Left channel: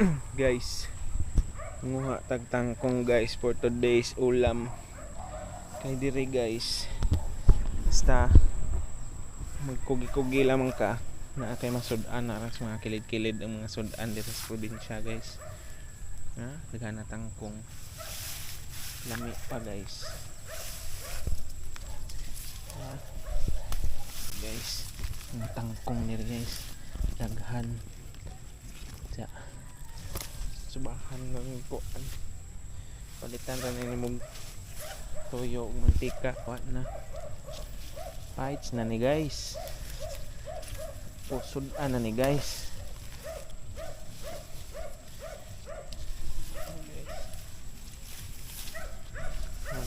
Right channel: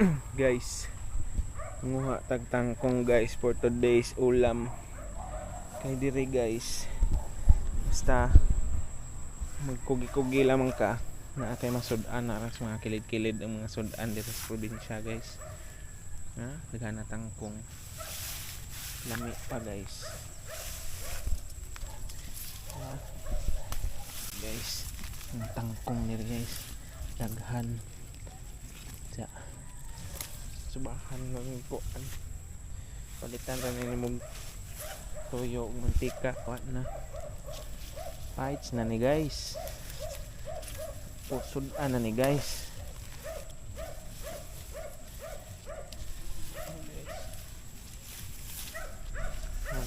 guys nguha tagtangkong guys for today's ulam. Kay dire guys basta magkugi-kugi lamang ka. Na kay masudan na ras mga kilid-kilid ang mga sudan dito sa probinsya guys. Ha? Daghan na tangkong. Lami pa guys. Ha? guys ang tangkong nila guys. Daghan sa subahan ng kuan palitan ra ni mong toyo ug mantika wa na. Fights na ni guys. Pusod na ni guys.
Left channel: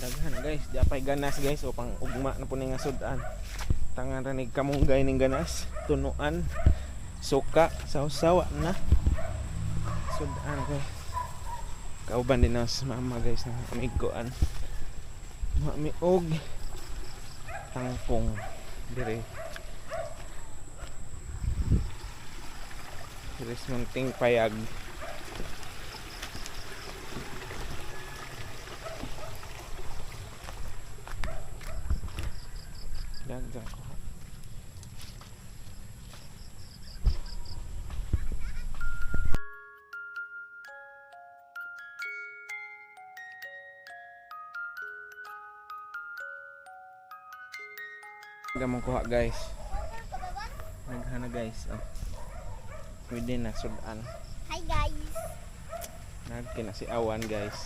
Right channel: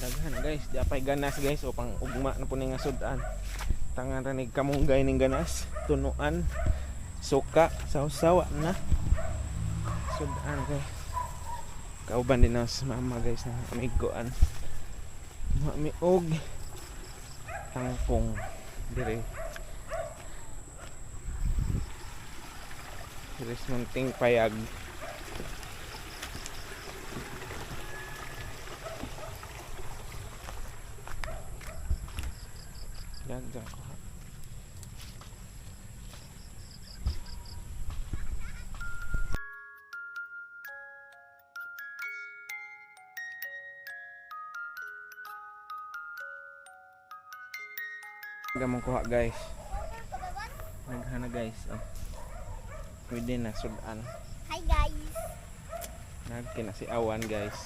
Daghan guys. Di apay ganas guys. O pang ugma na po nga sudan. Tangan ra ni kamunggay ning ganas. Tunuan. Suka. Sausawa na sudan kay kauban din sa mama guys na amiguan mami og tangkong dire. Dire munting payag Dagdag ko ha. Gamong kuha guys. Naghana guys. Oh. Pwede na sudan. Hi guys! Nagkina si awan guys.